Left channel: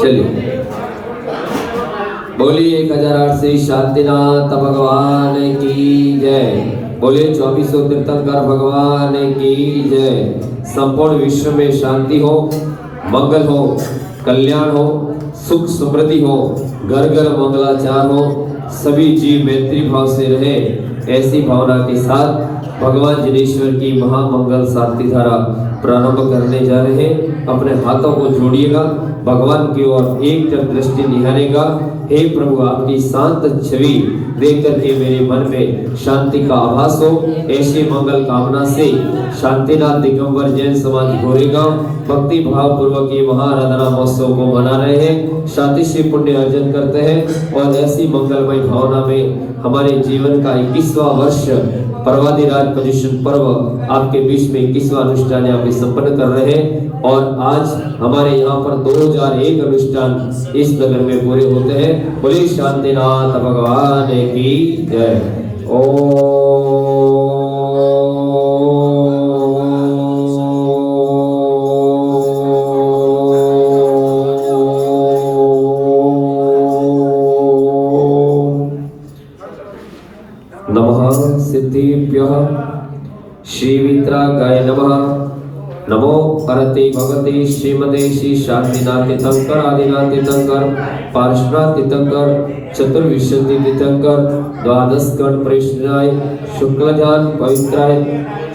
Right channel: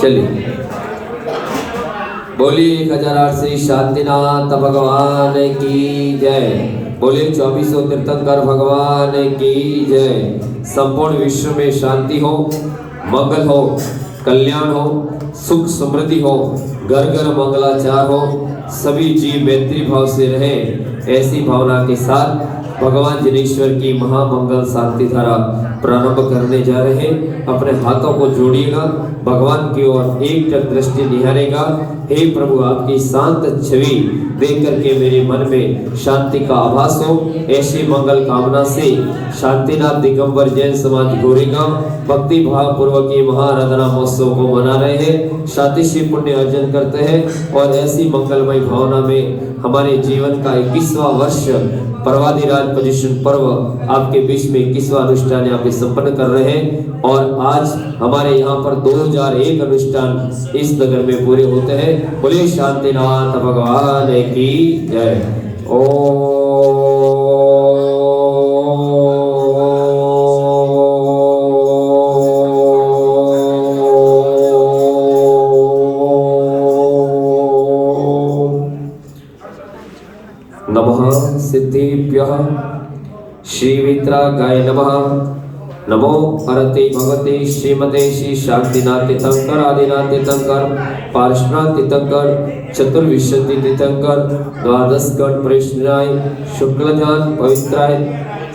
चलिए बोलिए 1008 से शांतिनाथ भगवान की जय। बोलिए 2400 तीर्थंकर भगवान की जय। संपूर्ण विश्व में शांति हो, मंगल हो, कल्याण हो, सुख समृद्धि हो, घर घर मंगलाचार हो, सभी जीव मैत्री भाव से रहे, ऐसी भावना के साथ भगवान जिनेश्वर की महामंगल शांति धारा प्रारंभ करने जा रहे हैं। अपने हाथों को जोड़िएगा, भगवान की ओर एक दृष्टि निहारेगा। हे प्रभु, आपकी शांत छवि देख करके मेरे मन में शांति का आभास हो, ऐसी मंगल कामना से शांतिनाथ दिगंबर जैन समाज गोरेगांव भक्ति भाव पूर्वक की महाआराधना महोत्सव को मना रहे हैं, शांति से पुण्य अर्जन करते हैं और ऐसी मंगलमय भावना में हमारे जीवन का 21वां वर्ष पर्वाधिराज पोजिशन पर्व आपके बीच में 21वां अनुष्ठान यहाँ पे संपन्न कर रहे हैं। और आज हमारे यहाँ पर 2001 अनुष्ठान इस नगर में पूरे होते हैं। बोलिए शांतिनाथ भगवान की जय। ओ नमः सिद्धिभ्यः श्रीवित्रागाय नमः। नमो हरते भगवते श्रीमते श्री शांतिनाथ तीर्थंकर आदिनाथ तीर्थंकर पार्श्वनाथ तीर्थंकर चतुर्विंशति तीर्थंकर द्वादश गण प्रेषणाय शुक्लध्यान पवित्राय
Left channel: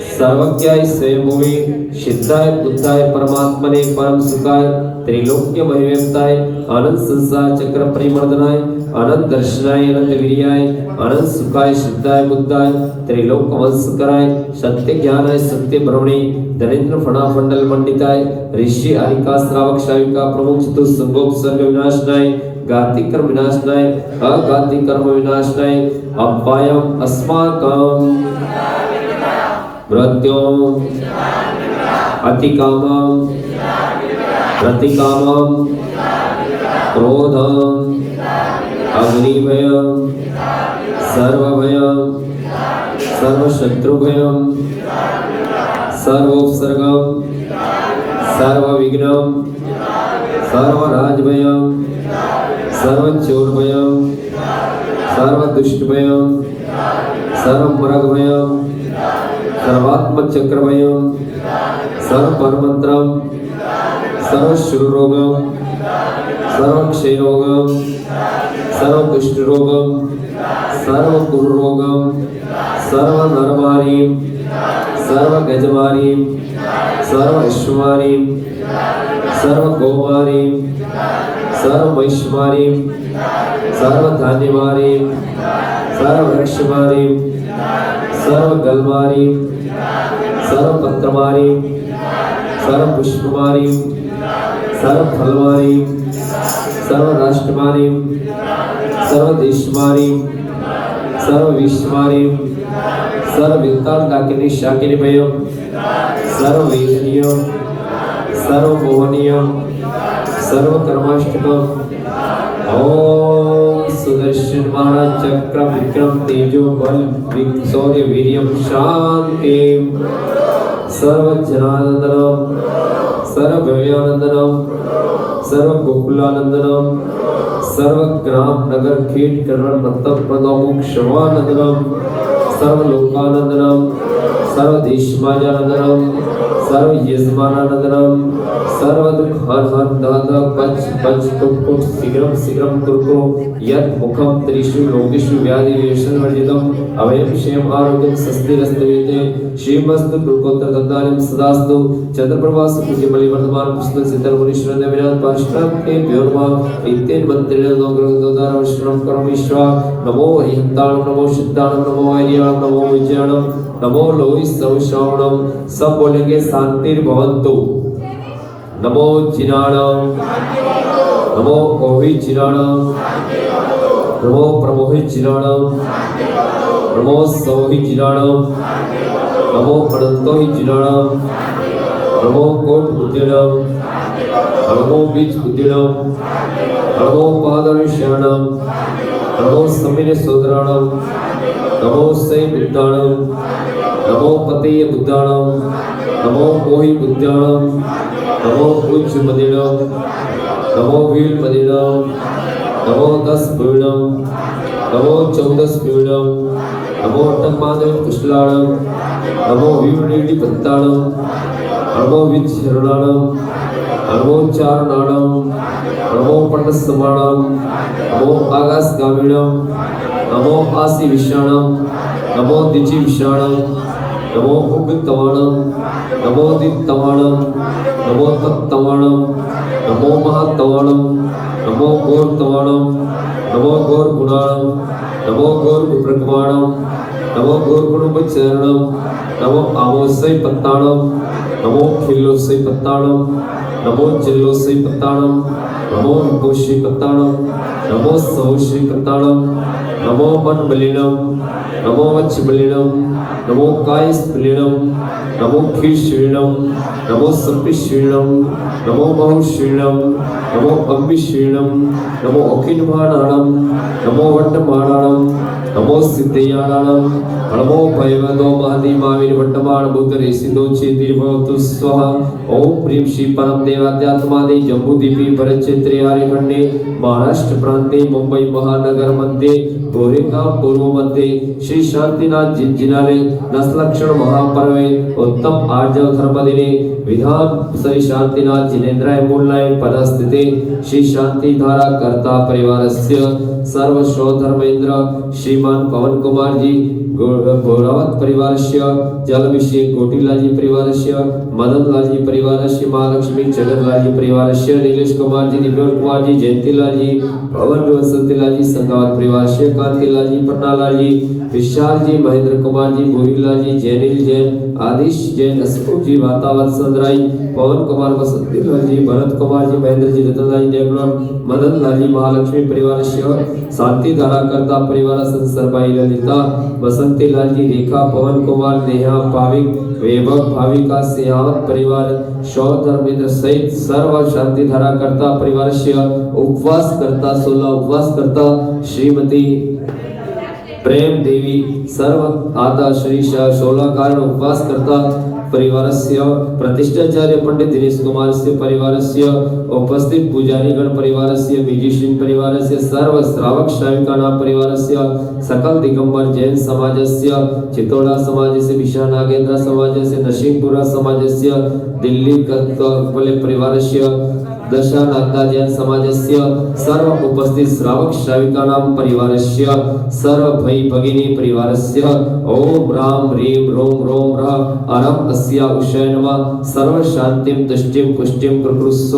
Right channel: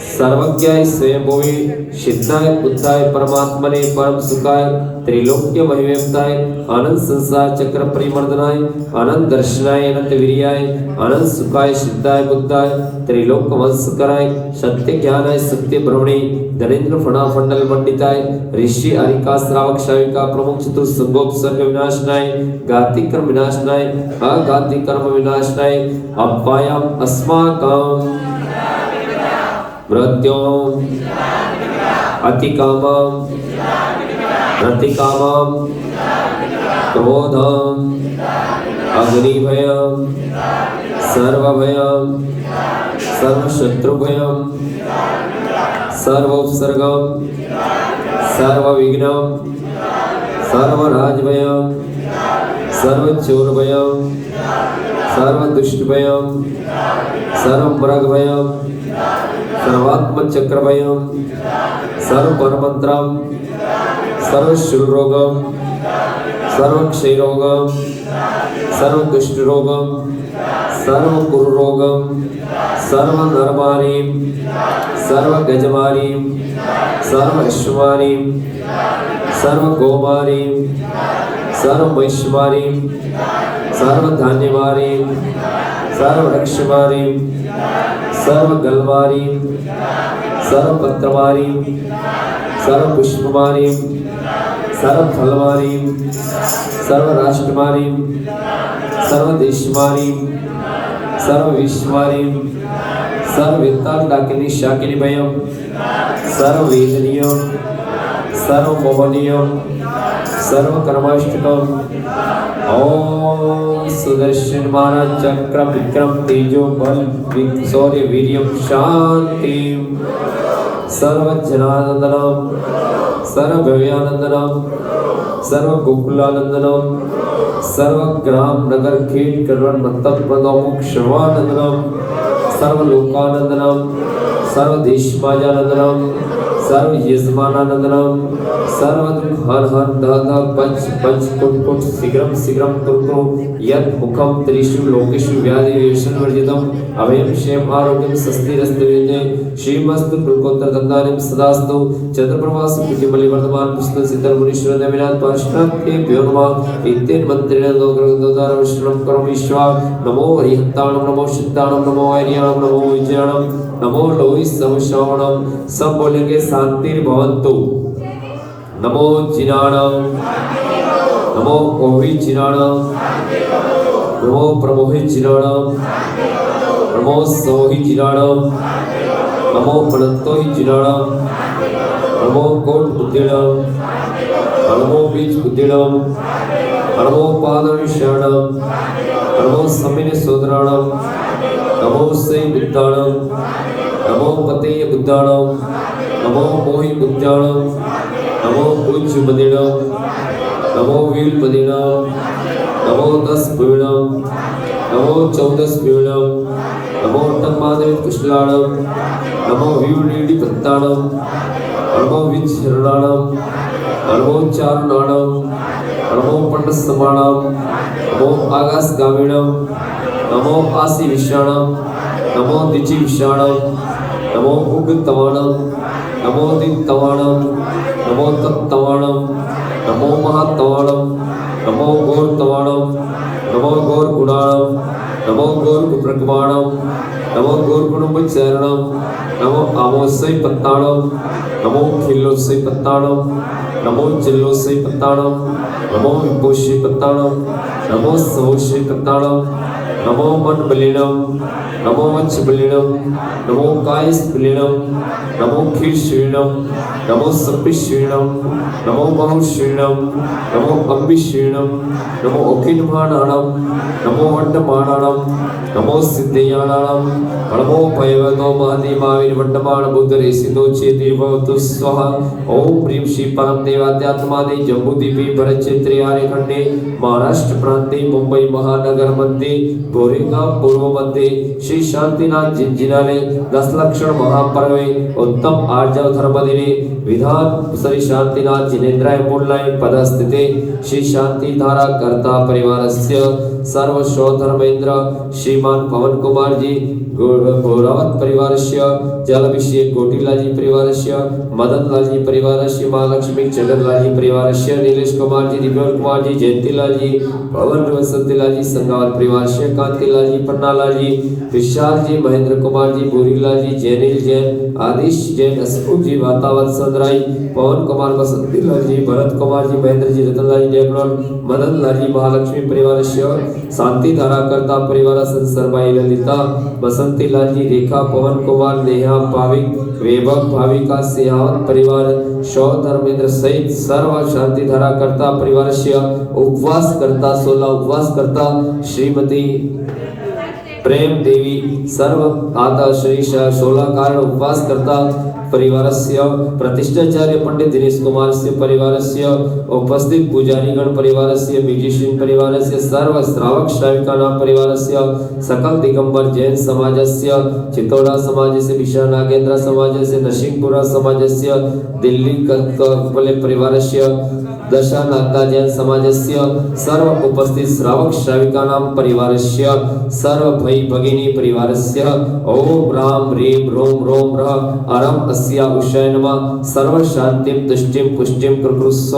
सर्वज्ञाय स्वयंभुवे सिद्धाय बुद्धाय परमात्मने परम सुखाय त्रिलोक्य महिमेताय आनंद संसार चक्र परिमर्दनाय अनंत दर्शनाय अनंत वीर्याय अनंत सुखाय सिद्धाय बुद्धाय त्रिलोक वंशकराय सत्य ज्ञानाय सत्य ब्रह्मणे धनेन्द्र फणाफंडल मंडिताय ऋषि अनिका श्रावक शाविका प्रमुख चतुर्संगोप सर्व विनाशनाय गाति कर्म विनाशनाय अगाति कर्म विनाशनाय अपायम अस्माकं मृत्युम अतिकामं प्रतिकामं क्रोधं अग्निभयं सर्वभयं सर्वशत्रुभयं सर्वोपसर्गं सर्वविघ्नं सर्वराजभयं सर्वचोरभयं सर्वदुष्टभयं सर्वमृगभयं सर्वात्मचक्रभयं सर्वपरमन्त्रं सर्वशूलरोगं सर्वक्षयरोगं सर्वकुष्ठरोगं सर्वकुरुरोगं सर्वनरमारीं सर्वगजमारीं सर्वविश्वमारीं सर्वगोमारीं सर्ववैश्यमारीं सर्वधान्यमारीं सर्ववृक्षमारीं सर्वगलमारीं सर्वपत्रमारीं सर्वपुष्पमारीं सर्वफलमारीं सर्वराष्ट्रमारीं सर्वदेशमारीं सर्वविश्वमारीं सर्ववित्तांडाकिनी शाकिनी भयं सर्ववेदनीयं सर्वमोहनीयं सर्वकर्माष्टकम् ओम सुदर्शनमान चक्र विक्रम तेजो बल शौर्य वीर्यं शांति सर्वजनानंदनम सर्वभव्यानंदनम सर्वगोकुलानंदनम सर्वग्राम नगर खेत करण मंतप पदोमुख शवानंदनम सर्वलोकानंदनम सर्वदेशमाजानंदनम सर्वयजमानानंदनम सर्वदुख हर हर दह पंच पंच कुट कुट शीघ्रम शीघ्रम कुरु यत् मुखम त्रिषु लोकेषु व्याधि वेषण वर्जितम अभयं क्षेम आरोग्यं स्वस्तिरस्तवेते श्रीमस्तु लोकोत्तर दत्तारिं सदास्तु चंद्रप्रभास कुटिमलि वर्धमान पुस्तक सिद्धर मुनीश्वर देवराज पार्श्वनाथ के प्योरमा इत्तेन मंत्रेण दोग्रदोदार विष्णुं करोमीश्वर नमो हिताणं नमो सिद्धाणं नमो आर्याणं नमो विजयाणं नमो लोहि सवश्रवणं। सब बोलेंगे शांति भवन्तु। नमो जिनाणं नमो ओहि जिनाणं नमो प्रमोहि जिनाणं नमो सोहि जिनाणं नमो अनंतो जिनाणम नमो कोट बुद्धिणम नमो बीज बुद्धिणम नमो पादविषयाणम नमो समिने सोदराणम नमो सै बुद्धाणम नमो पतेय बुद्धाणम नमो मोहि बुद्धाणम नमो उच्च मदिणम नमो वील मदिणम नमो 10 पूर्णम नमो 14 पूर्णम नमो तन्मादव पुष्कलाणम नमो विवनीडी पत्ताणम नमो विचरणाणम नमो चारणाणम नमो पंडसमाणम नमो आगासगामिणम नमो आसी विषाणम नमो दिचि विषाणम नमो उग्तवाणम नमो दित्तवाणम नमो तत्तवाणम नमो महातवाणम नमो गौरतवाणम नमो गौरगुणाणम नमो गौरगुप्रगवाणम नमो गौरगुणोपचरणम नमो आमोसै पत्ताणम नमो खिल्लोसै पत्ताणम नमो चिल्लोसै पत्ताणम नमो विभूषि पत्ताणम नमो सौषि पत्ताणम नमो मनबलिनम नमो वच्छबलिनम नमो कायस्बलिनम नमो खीश्रीणम नमो सप्पिश्रीणम नमो बहुश्रीणम नमो अम्बिश्रीणम नमो अखिलमाणाणम नमो वट्टमाणाणम नमो सिद्धयाणाणम नमो भैवतो महादेवाविर वट्टमाण बुद्धरे सिद्धो चेतिर्भवतु स्वाहा ओम प्रीम श्री परम देवात्मादे जम्बूद्वीपे भरतक्षेत्रे आर्यखंडे महाराष्ट्र प्रांते मुंबई महानगर मध्ये गोरेगांव पूर्व मध्ये श्री शांतिनाथ जिनाले 10 लक्षण महापर्वे उत्तम आर्जव धर्मदिने विधान श्री शांतिनाथ जिनेन्द्राय मूलाय पदस्थिते श्री शांति धारा कर्ता परिवारस्य सर्व धर्मेन्द्र श्रीमान पवन कुमार जी गौरावत परिवारस्य जलभिषेक गोटीलाजी परिवारस्य मदनलाजी परिवारस्य महालक्ष्मी चंद्रलाजी परिवारस्य नीलेश कुमार जी दिव्योल कुमार जी जयंतीलाजी पवन वसंतीलाजी संगावत परिवारस्य कांतिलाजी पन्नालाजी विशाल जी महेंद्र कुमार जी बोरीलाजी जैनिल जैन आदिश जैन हसमुख जी वातावत संद्राई पवन कुमार वसंतीलाल जी भरत कुमार जी महेंद्र जी रतनलाल देवराम मदन लाल महालक्ष्मी परिवारस्य शांति धाराकर्ता परिवार संसरबाई ललिता बसंती लाल जी रेखा पवन कुमार नेहा भाविक वैभव भाविका सिंहावत परिवार शौ धर्मेंद्र सहित सर्व शांति धाराकर्ता परिवारस्य उपवास करता 16 उपवास करता श्रीमती प्रेम देवी सर्व आता श्री 16 कारण उपवास करता परिवारस्य प्रतिष्ठाचार्य पंडित दिनेश कुमारस्य परिवारस्य उपस्थित पुजारी गण परिवारस्य मिगिशिन परिवारस्य सर्व श्रावक श्राविकानां परिवारस्य सकल दिगंबर जैन समाजस्य चितौड़ा समाजस्य विशाल नागेंद्र समाजस्य नरसिंहपुरा समाजस्य दिल्ली कत्तवले परिवारस्य दशा नागदा जैन समाजस्य सर्व उपस्थित श्रावक श्राविकानां परिवारस्य सर्व भाई भगिनी परिवारस्य ओम राम ह्रीं रोम रोम रः अरम अस्या उषाय नमः सर्व शांतिं तुष्टिं पुष्टिं प्रकुरुस्व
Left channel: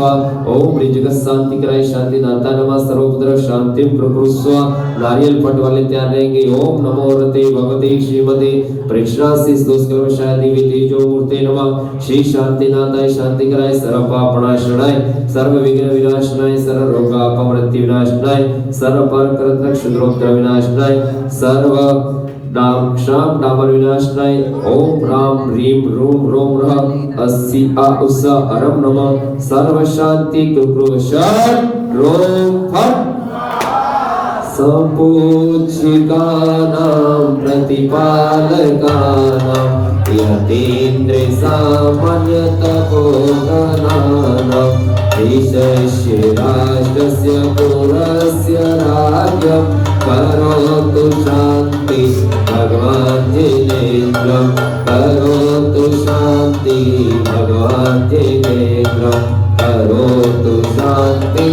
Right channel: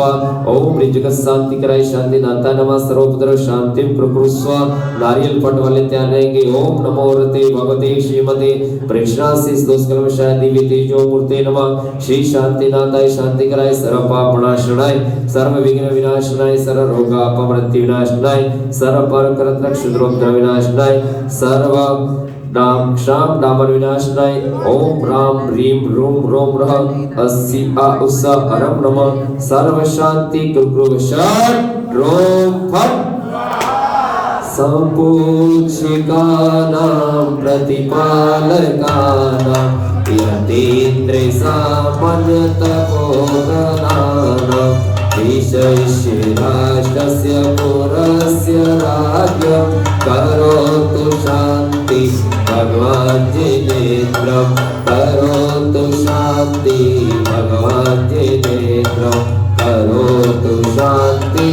ओम जगत शांति कराय शांति नाथा नमः सर्वपुत्र शांतिं प्रकुरुस्व नारियल फट वाले तैयार रहेंगे ओम नमो रते भगवते श्रीमते प्रेक्षणासी दोषकर्म शांति तेजो मूर्ते नमः श्री शांति नाथाय शांति कराय सर्व पाप विनाशनाय सर्व विघ्न विनाशनाय सर्व रोगापमृत्यु विनाशनाय सर्व पर करत क्षुद्रोक्त विनाशनाय सर्व नाम शाम नामर विनाशनाय ओम राम ह्रीं रोम रोम रः अस्सी आ उसा अरम नमः सर्व शांति कुरुशान रोम फट संपूज्यकानां प्रतिपालकानां यतीन्द्र सामान्य तपोधनानां ईशस्य राष्ट्रस्य पुरस्य राज्ञं करोतु शान्ति भगवान् जिनेन्द्रं करोतु शान्ति भगवान् जिनेन्द्रं करोतु शान्ति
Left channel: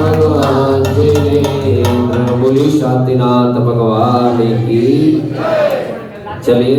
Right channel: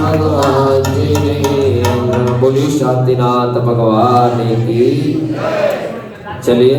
भगवान् जिनेन्द्रं। बोलिए शांतिनाथ भगवान की। चलिए